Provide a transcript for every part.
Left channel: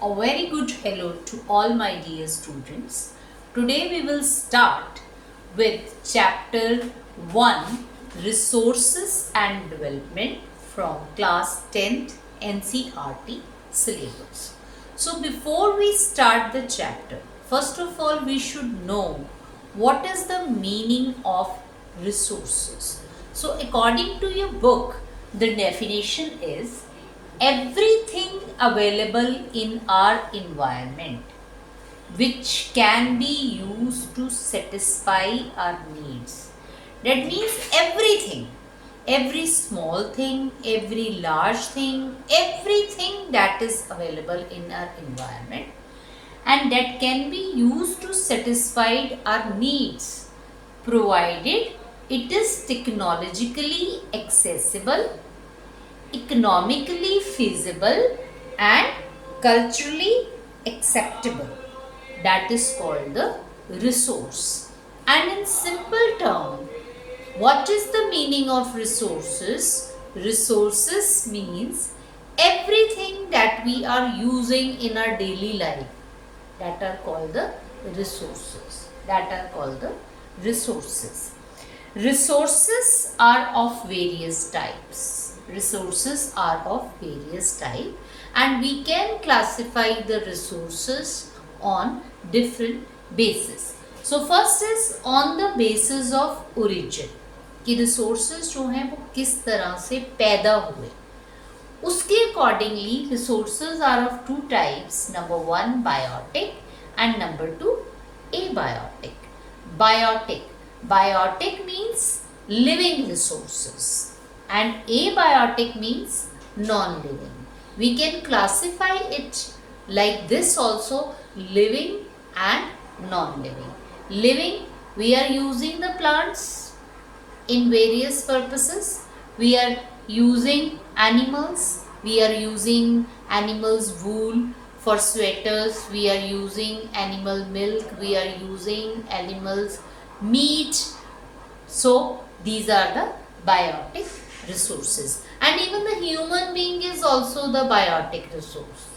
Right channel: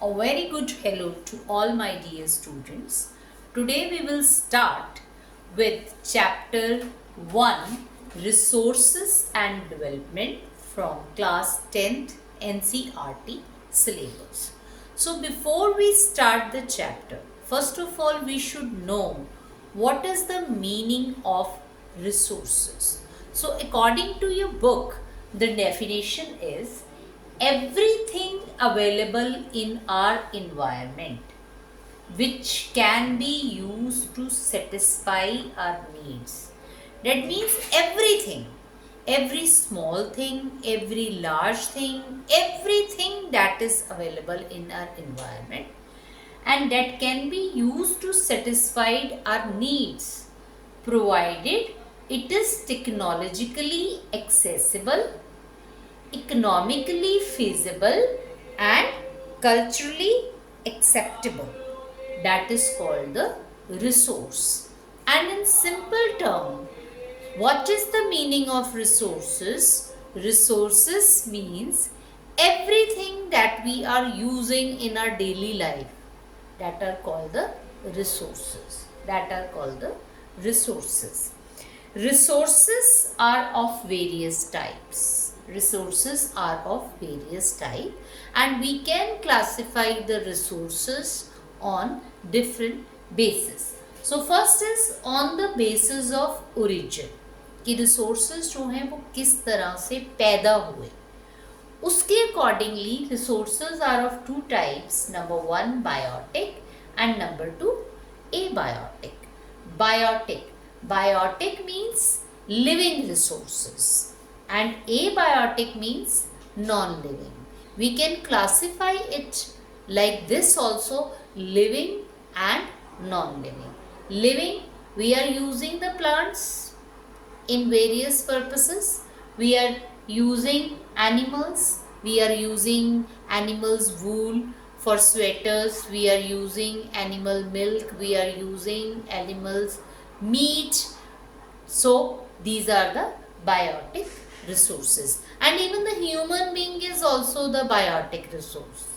A very good hello to all my dear students. Today we will start with chapter 1 Resources and Development from class 10th NCERT syllabus. So before we start the chapter, first of all we should know what is the meaning of resources. So according to your book, the definition is everything available in our environment which can be used to satisfy our needs. That means everything, every small thing, every large thing, everything that is available in our environment and that can be used to satisfy our needs provided it is technologically accessible, economically feasible and culturally acceptable. That is called the resource. And in simple term, what is the meaning of resources? Resources means everything that we are using in our daily life that are called the resources. That are called the resources. Resources are of various types. Resources are of various types and we can classify the resources on different basis. So first is on the basis of origin कि resources जो हैं वो किस तरह से पैदा हुए उसके accordingly resources are of two types. Number one biotic and number two abiotic. Biotic. Biotic means living resources and abiotic means non-living. We can classify it like this also, living and non-living. Living, we are using the plants in various purposes. We are using animals. We are using animals' wool for sweaters. We are using animal milk. We are using animals' meat. So these are the biotic resources. And even the human being is also the biotic resource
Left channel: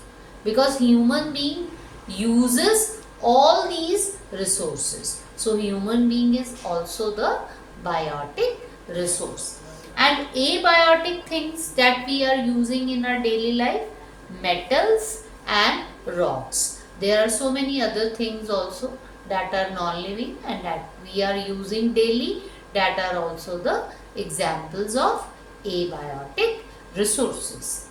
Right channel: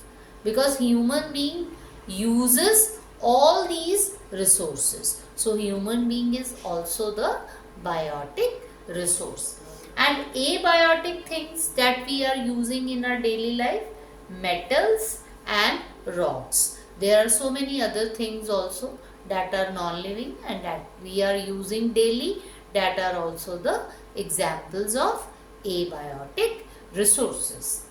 because human being uses all these resources. So human being is also the biotic resource. And abiotic things that we are using in our daily life, metals and rocks. There are so many other things also that are non-living and that we are using daily, that are also the examples of abiotic resources.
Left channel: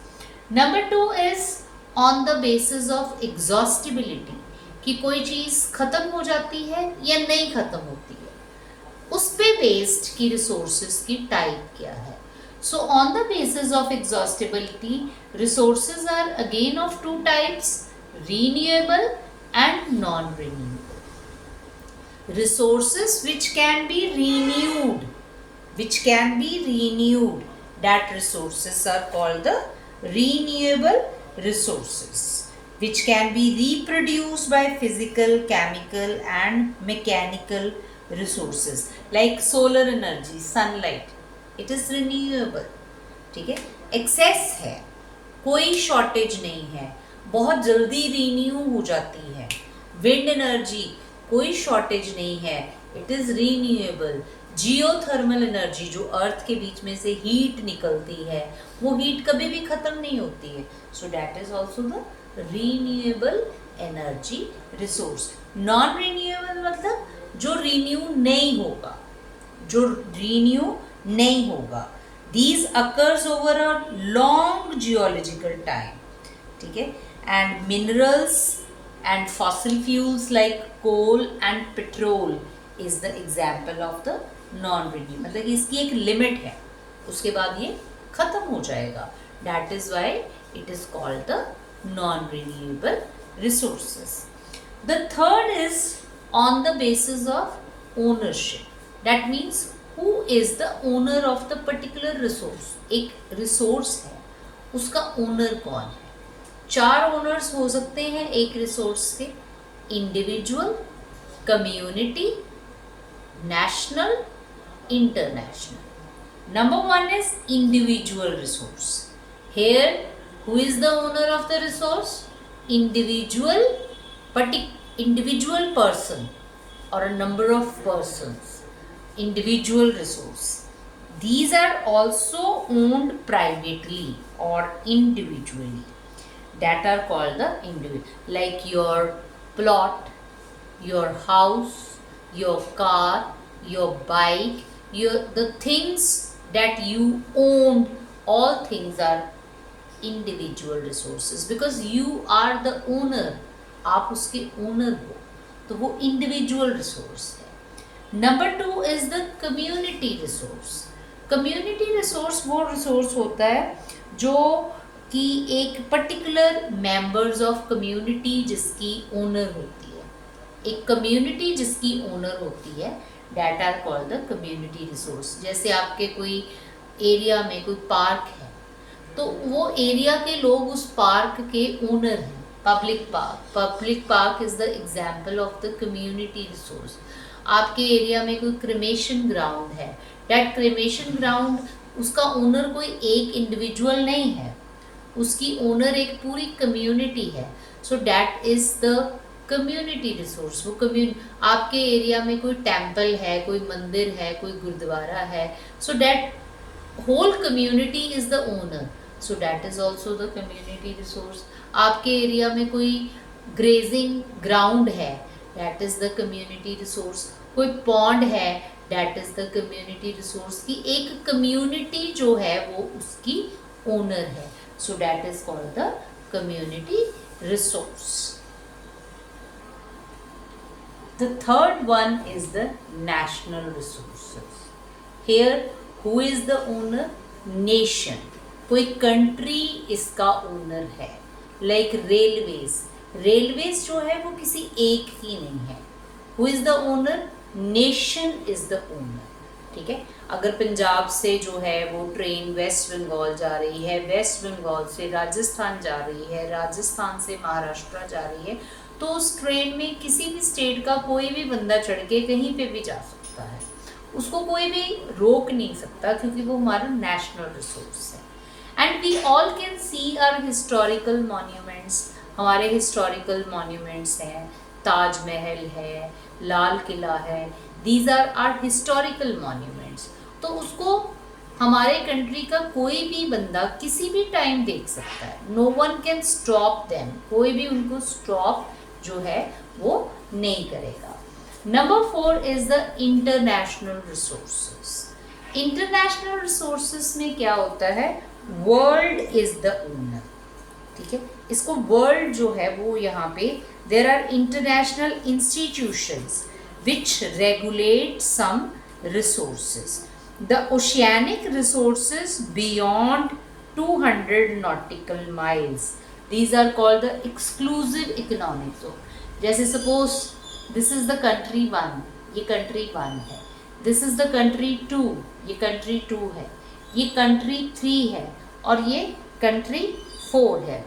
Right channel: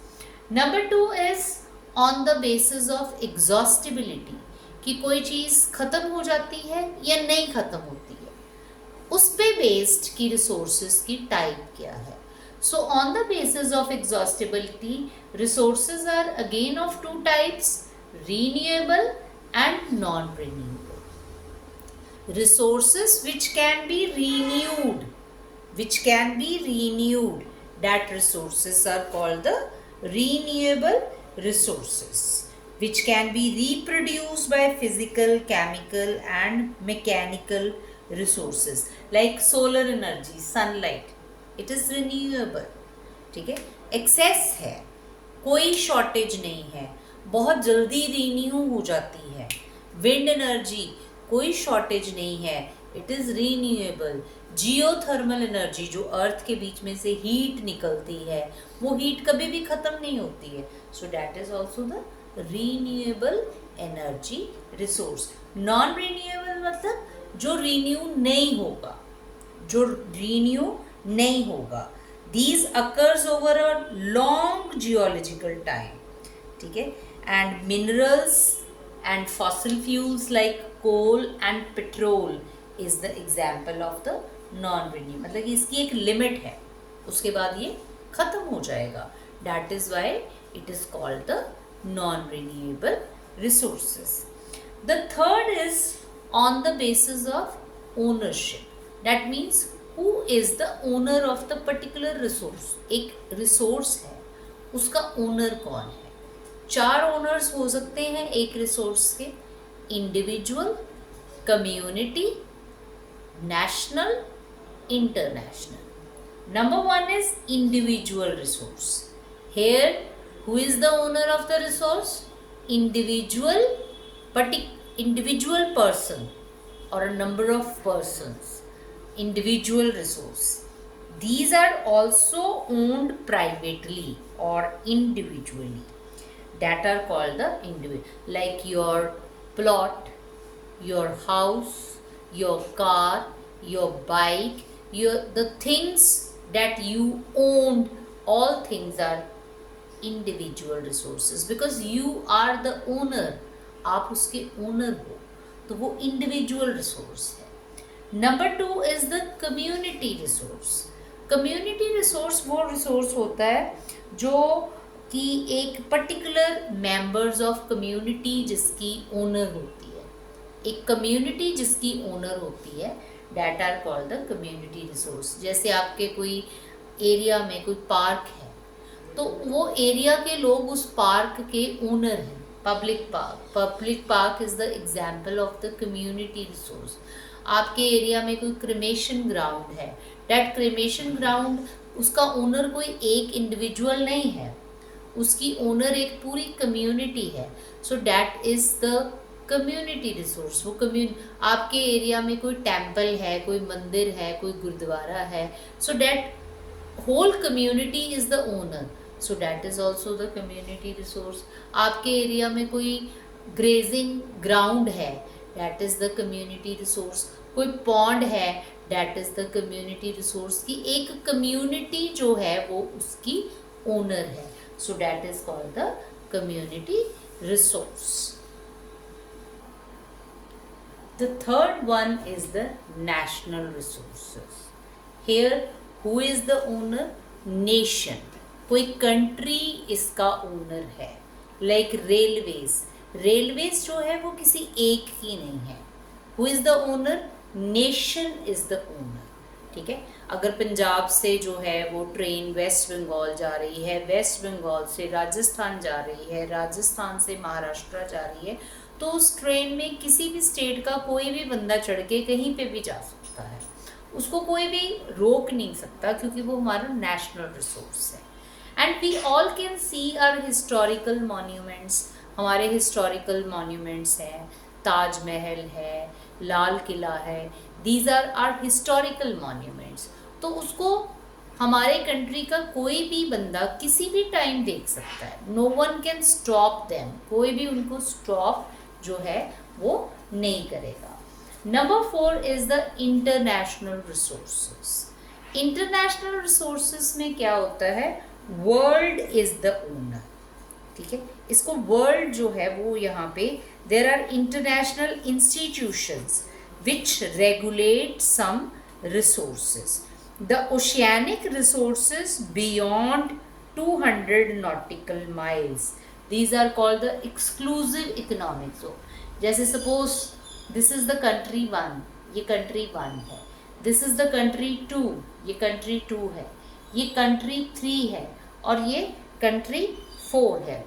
Number two is on the basis of exhaustibility कि कोई चीज़ ख़त्म हो जाती है या नहीं ख़त्म होती है उस पे बेस्ड की रिसोर्सेज की टाइप क्या है. So on the basis of exhaustibility resources are again of two types, renewable and non-renewable. Resources which can be renewed, that resources are called the renewable resources, which can be reproduced by physical, chemical and mechanical resources like solar energy, sunlight, it is renewable. ठीक है, access है, कोई shortage नहीं है, बहुत जल्दी renew हो जाती है. विंड एनर्जी, कोई शॉर्टेज नहीं है, it is renewable. Geothermal energy, जो अर्थ के बीच में से हीट निकलती है, वो हीट कभी भी खत्म नहीं होती है. So that is also the renewable energy resource. Non renewable मतलब जो रीन्यू नहीं होगा, जो रीन्यू नहीं होगा. These occurs over a long geological time. ठीक है, and minerals and fossil fuels like coal and petrol is the example of the non-renewable. मतलब इसकी एक लिमिट है, उसके बाद ये खत्म हो जाएगा. That is why it is called the non-renewable resources. The third is on the basis of ownership. That means who is the owner of the particular resource. एक रिसोर्स है, उसका ओनर कौन है. चार ओनर्स हो सकते हैं एक रिसोर्स के, individual, community, national, international. Number one is individual resource. Here, who is the owner of the resource? individual person or a number of persons, individual resource. These are also owned privately or individually, that are called the individual, like your plot, your house, your car, your bike, the things that you own. All things are individual resources because you are the owner. आप उसके owner हो, तो वो individual resource है। Number 2 is the community resource. Community resource वो resource होता है जो कि एक पर्टिकुलर मेंबर्स ऑफ कम्युनिटी जिसकी ओनर होती है, एक कम्युनिटी जिसकी ओनर होती है, that are called the community resource. जैसे आपके कोई एरिया में कोई पार्क है, तो वो एरिया के लोग उस पार्क के ओनर हैं। Public park is the example of the community resource. आपके एरिया में कोई क्रिमेशन ग्राउंड है, दैट क्रिमेशन ग्राउंड, उसका ओनर कोई एक इंडिविजुअल नहीं है, उसकी ओनर एक पूरी कम्युनिटी है। So that is the community resource. वो आपके एरिया में कोई टेम्पल है, कोई मंदिर है, कोई गुरुद्वारा है, so that whole community is the owner, so that is also the community resource. आपके एरिया में कोई ग्रेजिंग ग्राउंड है, that is the community resource. कोई पॉन्ड है, that is the community resource की एक कम्युनिटी जो है वो उसकी ओनर है, so that is called the community resource. The third one is the national resources. Here, who is the owner? Nation. कोई country इसका owner है, like railways. Railways जो है वो किसी एक की नहीं है। Who is the owner? Nation is the owner. ठीक है, अगर पंजाब से जो है वो ट्रेन वेस्ट बंगाल जा रही है, वेस्ट बंगाल से राजस्थान जा रही है, राजस्थान से महाराष्ट्र जा रही है, तो उस ट्रेन में किसी भी स्टेट का कोई भी बंदा चढ़ के कहीं पे भी जा सकता है, उसको कोई भी रोक नहीं सकता, क्योंकि वो हमारा नेशनल रिसोर्स है। And we all can see our historical monuments. हमारे हिस्टोरिकल मॉन्यूमेंट्स हैं, ताजमहल है, लाल किला है, these are our historical monuments. तो उसको हमारे कंट्री का कोई भी बंदा किसी भी टाइम देख सकता है, no one can stop them, कोई भी उनको स्टॉप जो है वो नहीं करेगा। Number 4 is the international resources. International resources में क्या होता है? World is the owner. ठीक है, इसको वर्ल्ड जो है वो यहाँ पे there are international institutions which regulate some resources. The oceanic resources beyond 200 nautical miles, these are called the exclusive economic zone. जैसे suppose this is the country 1, ये country 1 है, this is the country 2, ये country 2 है, ये country 3 है और ये country 4 है।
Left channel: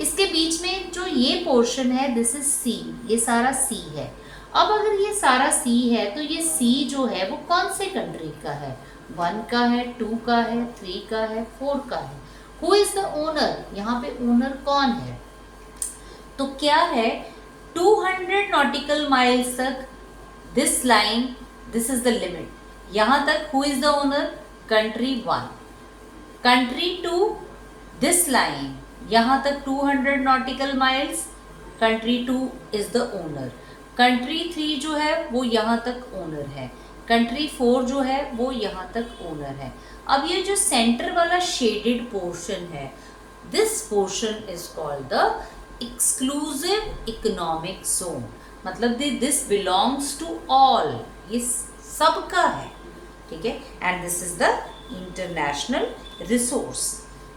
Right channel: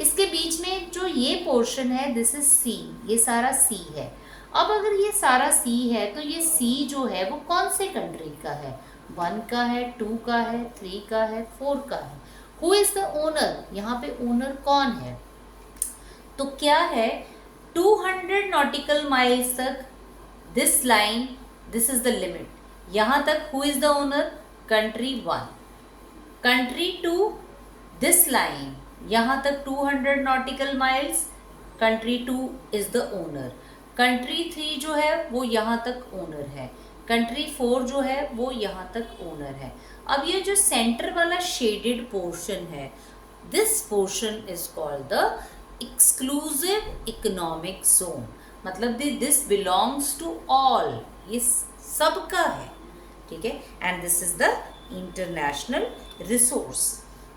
इसके बीच में जो ये पोर्शन है दिस इज सी, ये सारा सी है। अब अगर ये सारा सी है तो ये सी जो है वो कौन से कंट्री का है? 1 का है, 2 का है, 3 का है, 4 का है। Who is the owner? यहाँ पे ओनर कौन है? तो क्या है, 200 नॉटिकल माइल्स तक this line, this is the limit. यहाँ तक who is the owner? Country 1। Country 2 this line, यहाँ तक 200 nautical miles, country 2 is the owner. Country 3 जो है वो यहाँ तक ओनर है, कंट्री 4 जो है वो यहाँ तक ओनर है। अब ये जो सेंटर वाला शेडेड पोर्शन है, this portion is called the exclusive economic zone. मतलब दिस बिलोंग्स टू ऑल, ये सबका है। ठीक है, and this is the international resource.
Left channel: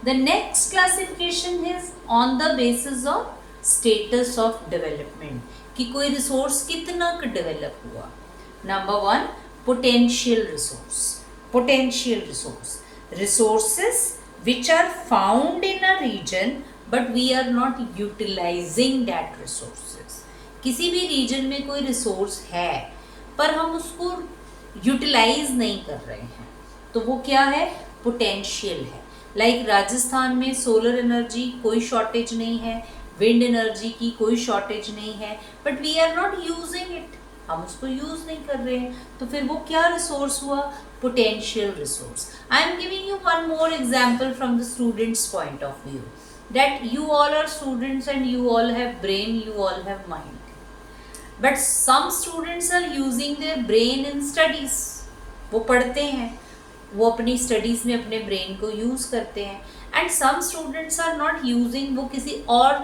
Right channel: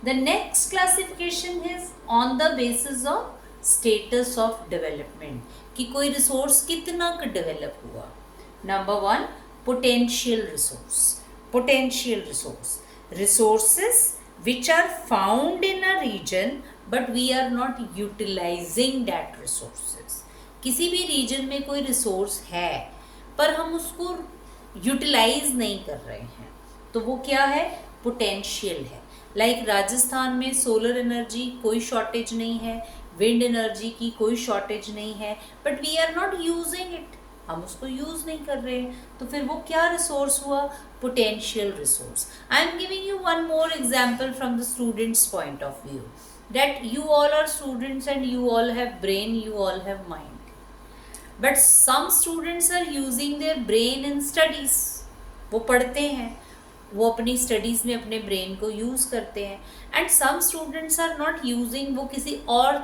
The next classification is on the basis of status of development, कि कोई resource कितना का डेवलप हुआ। Number 1, potential resource. Potential resource, resources which are found in a region but we are not utilising that resources. किसी भी reason में कोई resource है पर हम उसको यूटिलाइज नहीं कर रहे हैं, तो वो क्या है? पोटेंशियल है। लाइक राजस्थान में सोलर एनर्जी कोई शॉर्टेज नहीं है, विंड एनर्जी की कोई शॉर्टेज नहीं है, but we are not using it, हम उसको यूज नहीं कर रहे हैं, तो फिर वो क्या रिसोर्स हुआ? Potential resource. I am giving you one more example from the students point of view, that you all are students and you all have brain, you all have mind, but some students are using their brain in studies. वो पढ़ते हैं, वो अपनी studies में अपने brain को use करते हैं, and some students are not using, वो किसी और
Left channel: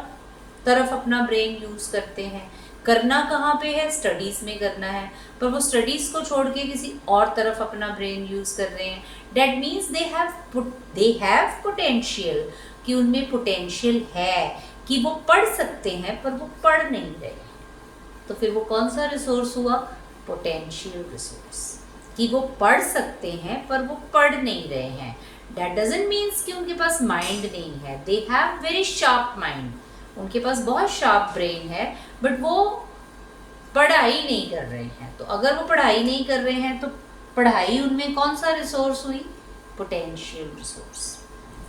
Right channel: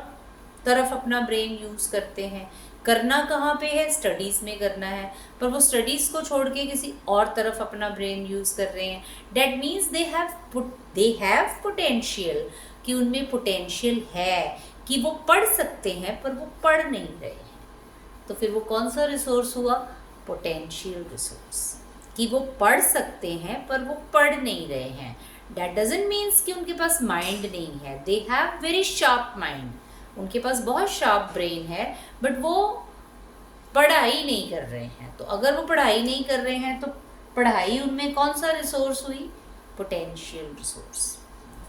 तरफ अपना ब्रेन यूज़ करते हैं. करना कहाँ पे है? स्टडीज़ में करना है, पर वो स्टडीज़ को छोड़ के किसी और तरफ अपना ब्रेन यूज़ कर रहे हैं. That means they have potential, कि उनमें पोटेंशियल है कि वो पढ़ सकते हैं, पर वो पढ़ नहीं रहे. तो फिर वो कौन सा रिसोर्स हुआ? Potential resource. कि वो पढ़ सकते हैं पर वो पढ़ नहीं रहे हैं. दैट डजंट मीन्स कि उनके पास माइंड नहीं है. They have very sharp mind, उनके पास बहुत शार्प ब्रेन है, बट वो पढ़ाई नहीं कर रहे हैं. तो अगर वो पढ़ाई नहीं कर रहे हैं तो पढ़ाई उनमें कौन सा रिसोर्स हुई? Potential resource.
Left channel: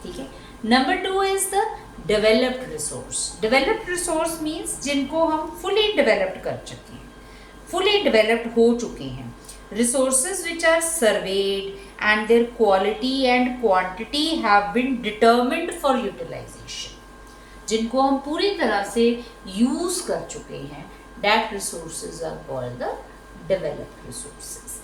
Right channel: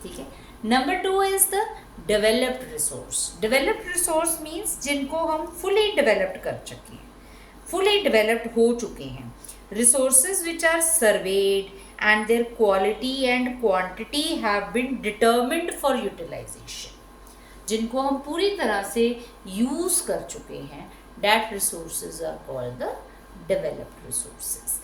ठीक है. Number 2 is the developed resource. Developed resource means जिनको हम फुली डेवलप्ड कर चुके हैं, फुली डेवलप्ड हो चुके हैं. Resources which are surveyed and their quality and quantity have been determined for utilization. जिनको हम पूरी तरह से यूज कर चुके हैं, that resources are called the developed resources.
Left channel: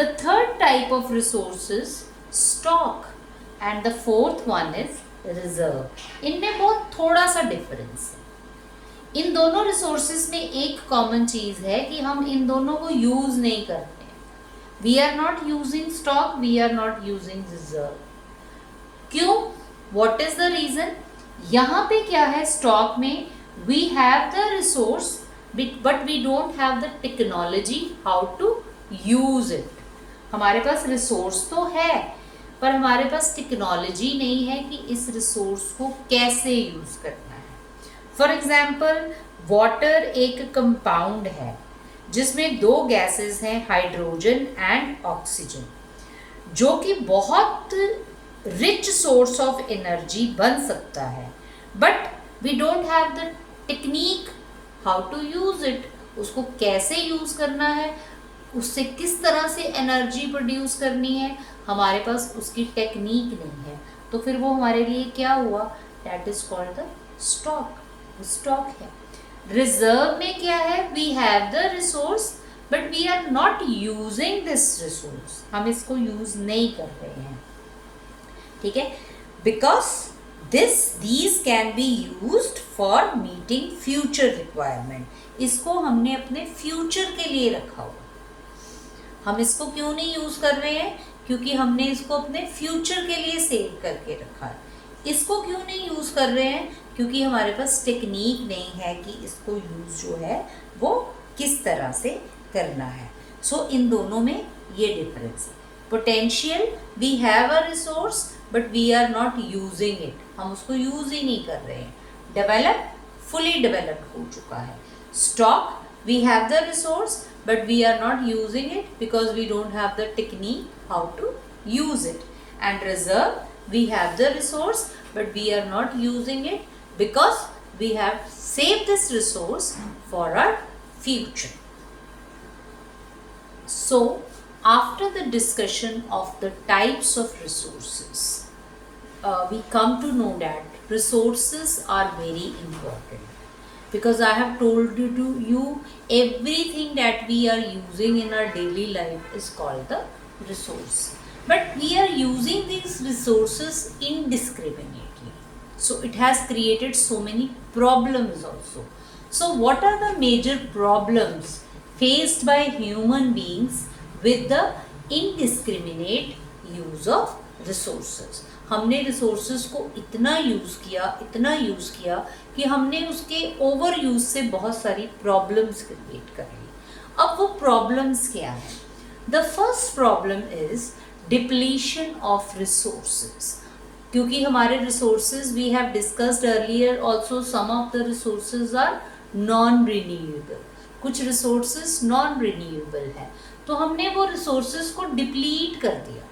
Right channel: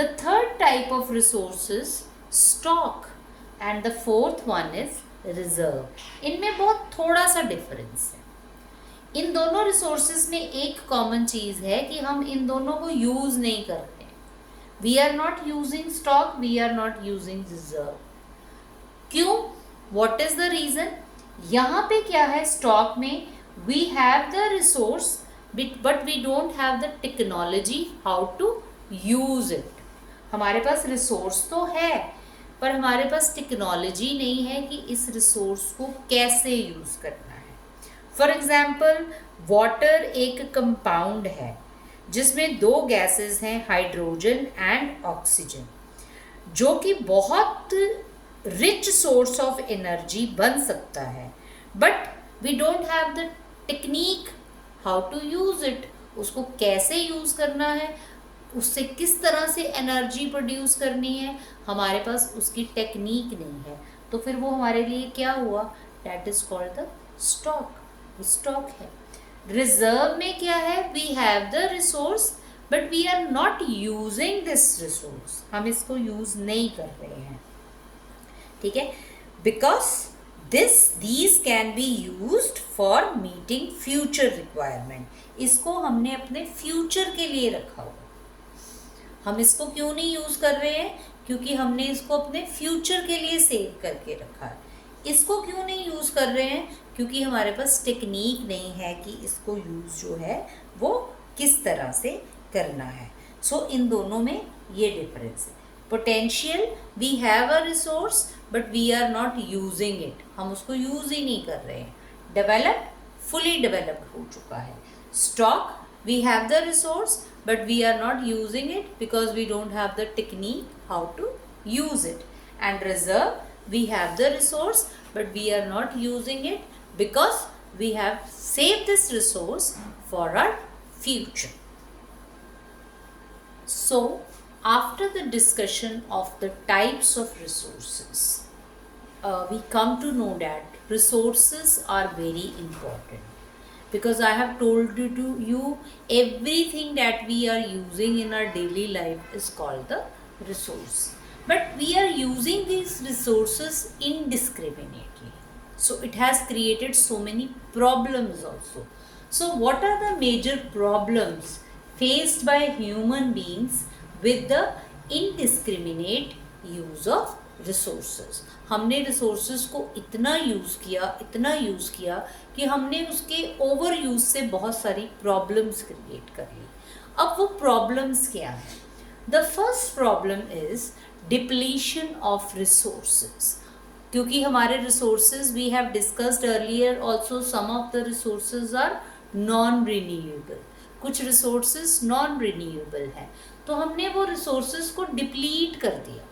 The third type of resources, stock, and the fourth one is reserve. इनमें बहुत थोड़ा सा डिफरेंस है. इन दोनों रिसोर्सेज में एक कॉमन चीज है कि हम इन दोनों को यूज नहीं करते. We are not using stock, we are not using reserve. क्यों? What is the reason? यहाँ पे क्या है? स्टॉक में we have the resource but we don't have the technology how to use it. हमारे पास रिसोर्स तो है, पर हमारे पास टेक्नोलॉजी नहीं है कि इस रिसोर्स को कैसे यूज करना है. फॉर एग्जाम्पल, वाटर एक कंपाउंड है जिसमें 2 गैसेस हैं, हाइड्रोजन एंड ऑक्सीजन, जो कि बहुत रिच सोर्स ऑफ एनर्जी बन सकता है, but we don't have the technique how to use it. उसको कैसे यूज करना है, उससे किस तरह से एनर्जी प्रोड्यूस करनी है, हमारे पास उसकी टेक्निक नहीं है. तो फिर वो हमारे लिए क्या हुआ? That is called the stock. Stock है. रिजर्व में क्या है? We have the resource but we are not using this resource. हम इसको यूज नहीं कर रहे हैं. ठीक है. Because these can be used for meeting future requirement. इसको हमने अपने फ्यूचर के लिए रखा हुआ. हम इसको क्यों नहीं यूज कर रहे हैं? क्योंकि हमने इसको अपने फ्यूचर के लिए सेव करके रखा है. इसको क्यों नहीं यूज कर रहे हैं? क्योंकि हमारे पास टेक्निक नहीं है कि इसको यूज जो है वो किस तरह से करना है. सो इन दोनों में ये डिफरेंस है. Potential, we have a resource but we are not using it. हम उसको यूज ही नहीं कर रहे हैं. डेवलप, फुली डेवलप्ड हो चुका है. Stock, we have the resource but we are not using it because we don't have the technique how to use it. And reserve, we have the resource but we are not using it because we have saved this resource for our future. So after the discussion of the types of resources, we come to know that resources are very important. Because I have told you everything that we are using in our daily life is called the resource. But we are using these resources indiscriminately. So it has created so many problems also. So what are the major problems faced by human beings with the indiscriminate use of resources? हमने resources को इतना use किया कि हमने उसके over use से बहुत सारी प्रॉब्लम्स क्रिएट कर ली. अब वो प्रॉब्लम्स क्या है? The first problem is depletion of resources. क्योंकि हमारे resources, we have discussed earlier also, some of the resources are non renewable. कुछ रिसोर्सेज नॉन रिन्यूएबल है, तो हमने वो रिसोर्सेज को डिप्लीट कर दिया.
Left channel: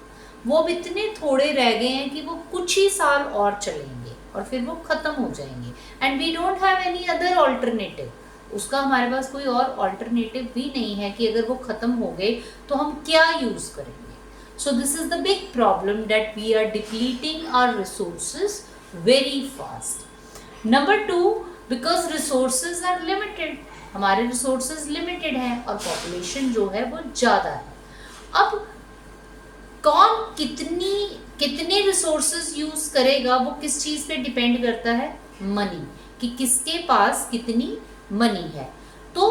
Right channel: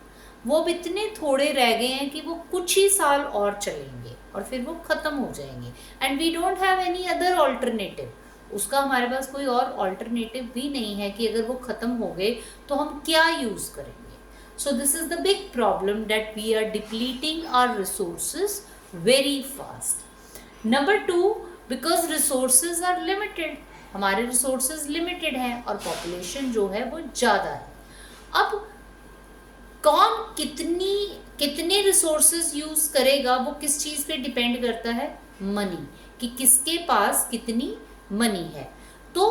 वो अब इतने थोड़े रह गए हैं कि वो कुछ ही साल और चलेंगे और फिर वो ख़त्म हो जाएंगे. And we don't have any other alternative. उसका हमारे पास कोई और ऑल्टरनेटिव भी नहीं है कि अगर वो ख़त्म हो गए तो हम क्या यूज़ करेंगे। So this is the big problem that we are depleting our resources very fast. Number 2, because resources are limited, हमारे रिसोर्सेज लिमिटेड हैं और पॉपुलेशन जो है वो ज़्यादा है। अब कौन कितने रिसोर्सेज यूज़ करेगा वो किस चीज़ पे डिपेंड करता है, मनी, कि किसके पास कितनी मनी है। तो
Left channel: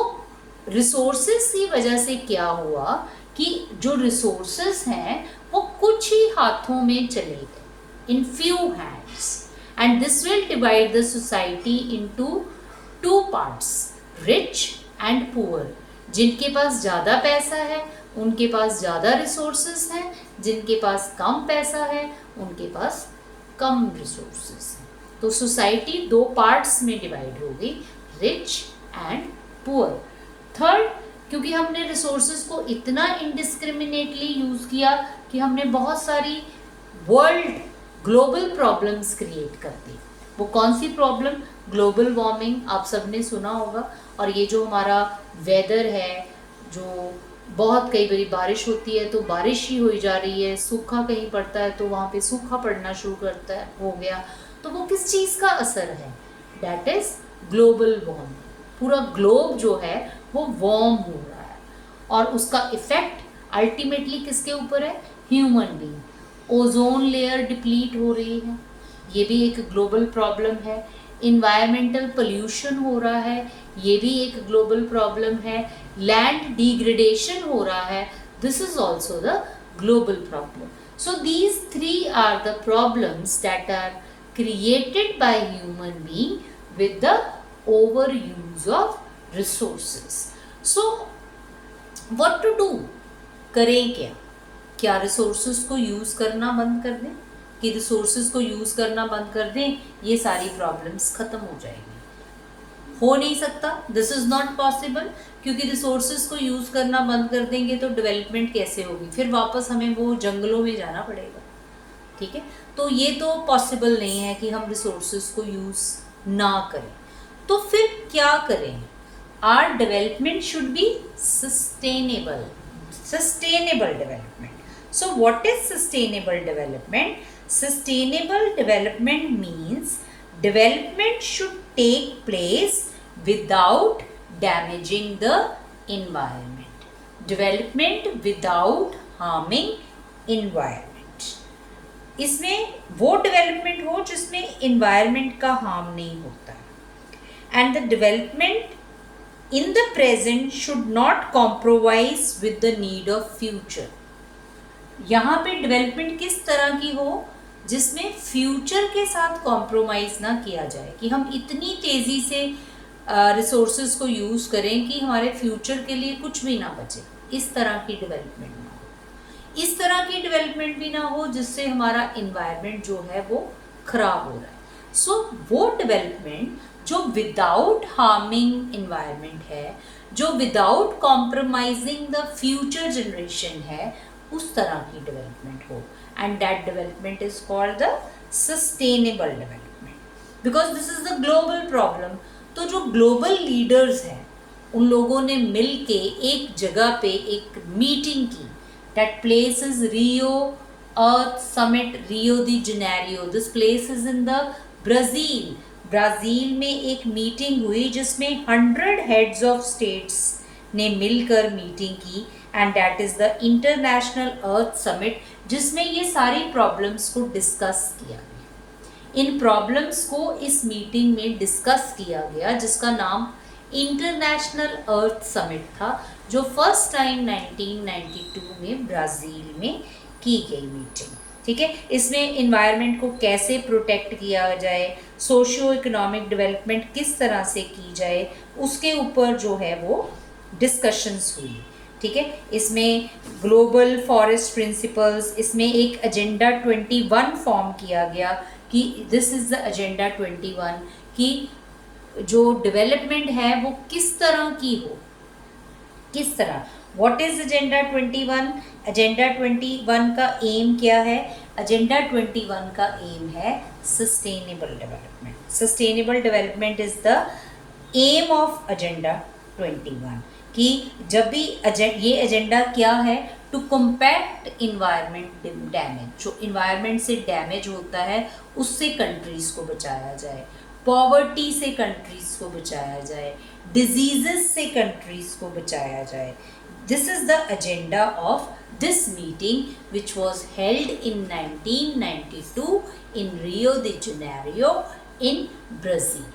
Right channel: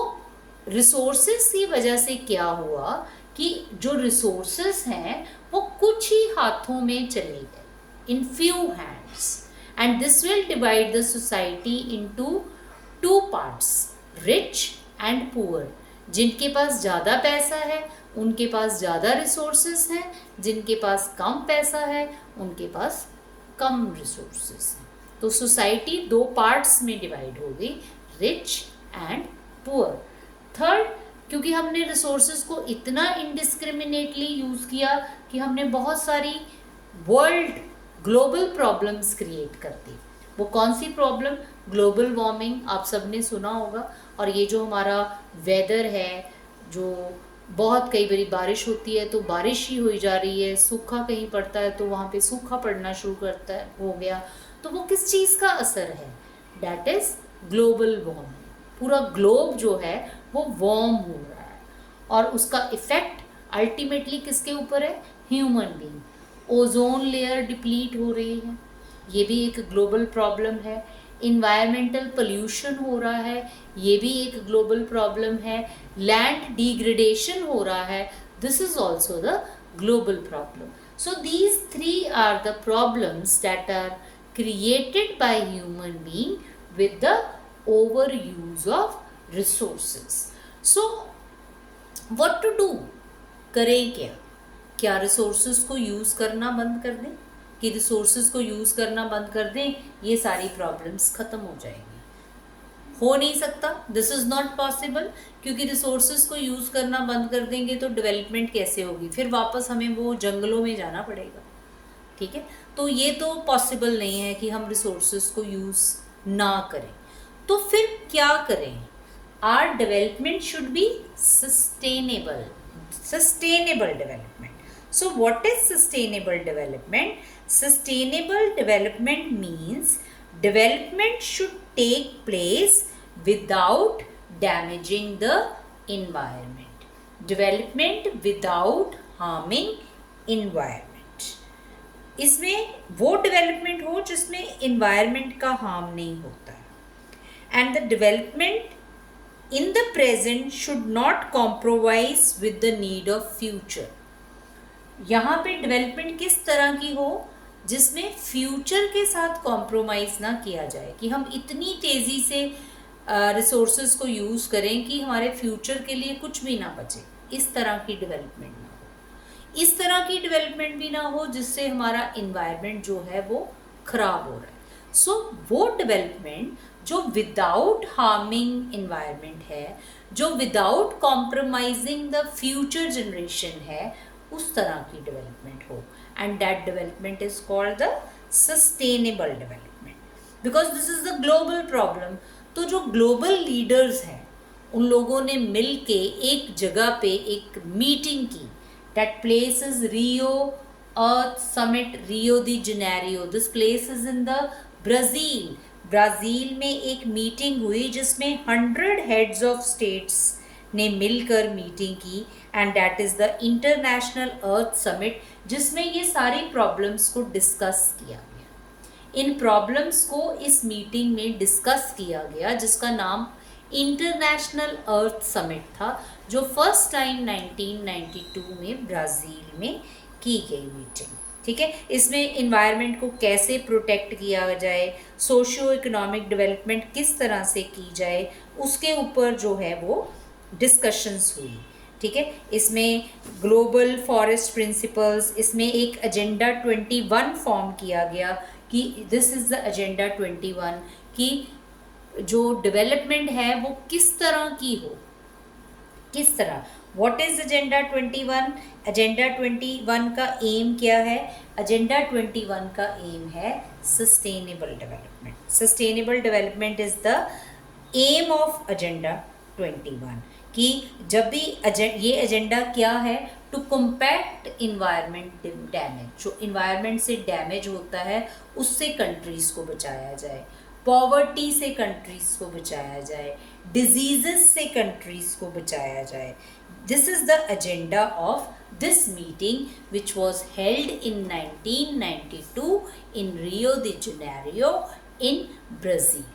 रिसोर्सेज की वजह से क्या हुआ कि जो रिसोर्सेज हैं वो कुछ ही हाथों में चले गए, in few hands, and this will divide the society into 2 parts, rich and poor. जिनके पास ज़्यादा पैसा है उनके पास ज़्यादा रिसोर्सेज हैं, जिनके पास कम पैसा है उनके पास कम रिसोर्सेज हैं। तो सोसाइटी 2 पार्ट्स में डिवाइड हो गई, रिच एंड पुअर। थर्ड, क्योंकि हमने रिसोर्सेज को इतना इनडिस्क्रिमिनेटली यूज़ किया कि हमने बहुत सारी वर्ल्ड ग्लोबल प्रॉब्लम्स क्रिएट कर दी। वो कौन सी प्रॉब्लम, ग्लोबल वार्मिंग, आप सबने सुना होगा। और ये जो हमारा वेदर है, जो बहुत कई बारी बारिश होती है तो बारिश ही हुई जा रही है, सूखा कहीं पड़ता है तो वहाँ पे सूखा पड़ना शुरू करता है, हो गया। तो वो किस चीज़ का असर है, डैट इज़ ग्लोबल वार्मिंग। पूरा ग्लोब जो है वो वार्म हो रहा है और उसका इफेक्ट अल्टीमेटली किसके ऊपर है, human being. Ozone layer deplete हो रही है, ये भी एक ग्लोबल प्रॉब्लम है। इन्वायरमेंटल पोल्यूशन हो रहा है, ये भी एक ग्लोबल प्रॉब्लम है। लैंड डिग्रेडेशन हो रहा है, this is also the global problem. So these 3 are the problems that are created by human being with the over use of resources. So what to do, करें क्या? क्या resources को use करना बंद कर दें? कि रिसोर्सेज को यूज़ करना बंद कर दें, ये सारी प्रॉब्लम्स ख़त्म हो जाएगी? हो नहीं सकता, दिस इज़ नॉट पॉसिबल, क्योंकि रिसोर्सेज को यूज़ करना बंद कर देंगे तो डेवलपमेंट कैसे होगी? फिर वापस हमें वो जंगलों में जाना पड़ेगा, ठीक है। तो ये तो पॉसिबल नहीं है कि हम रिसोर्सेज को यूज़ ना करें। तो फिर क्या करें? Our development should be sustainable development. So what is sustainable development? Sustainable development means development should take place without damaging the environment. Development without harming environment. इसमें वो development हो जिसमें environment का harm नहीं होता है. And the development in the present should not compromise with the need of future. यहाँ पे डेवलपमेंट किस तरह की हो जिसमें फ्यूचर के साथ कॉम्प्रोमाइज़ ना किया जाए, कि हम इतनी तेज़ी से रिसोर्सेज को यूज़ करें कि हमारे फ्यूचर के लिए कुछ भी ना बचे। इस तरह की डेवलपमेंट ना हो। इस तरह की डेवलपमेंट भी ना हो जिससे हमारा इन्वायरमेंट जो है वो ख़राब हो रहा है। सो वो डेवलपमेंट जो विदाउट हार्मिंग इन्वायरमेंट है, जो without compromising the future generation है, उस तरह की डेवलपमेंट हो, and that development is called the sustainable development, because this is the global problem. तो जो ग्लोबल लीडर्स हैं उन लोगों ने मिल के एक जगह पे एक मीटिंग की, that place is Rio earth summit, Rio the Janeiro. This place is in the Brazil. Brazil में एक मीटिंग हुई जिसमें 100 हेड्स ऑफ स्टेट्स ने मिलकर मीटिंग की, and that is the international earth summit, जिसमें ये सारी प्रॉब्लम्स को डिस्कस किया गया। इन प्रॉब्लम्स को इस मीटिंग में डिस्कस किया गया, जिसका नाम इंटरनेशनल अर्थ समिट था, जो फर्स्ट टाइम 1992 में ब्राज़ील में की गई मीटिंग, ठीक है। इसमें इन्वायरमेंट को कैसे प्रोटेक्ट किया जाए, सोशियो इकोनॉमिक डेवलपमेंट किस तरह से की जाए, उसके ऊपर जो है वो डिस्कशंस हुई, ठीक है। इसमें ग्लोबल फॉरेस्ट प्रिंसिपल्स, इसमें एक एजेंडा 21 फॉर्म किया गया कि दिस इज़ द एजेंडा 21, कि जो डेवलपमेंट है वो किस तरह की हो, किस तरह, व्हाट इज एजेंडा 21? एजेंडा 21 का एम क्या है? एजेंडा 21 का एम है sustainable development. Sustainable development is the aim of agenda 21 कि जब भी ये एजेंडा क्या है? टू कॉम्पैक्ट इन्वायरमेंट डैमेज, जो इन्वायरमेंट से डैमेज होता है उससे कंट्रीज को बचाया जाए, पॉवर्टी से कंट्रीज को बचाया जाए, डिजीजेस से कंट्रीज को बचाया जाए। This is the agenda of this meeting which was held in 1992 in Rio de Janeiro in Brazil.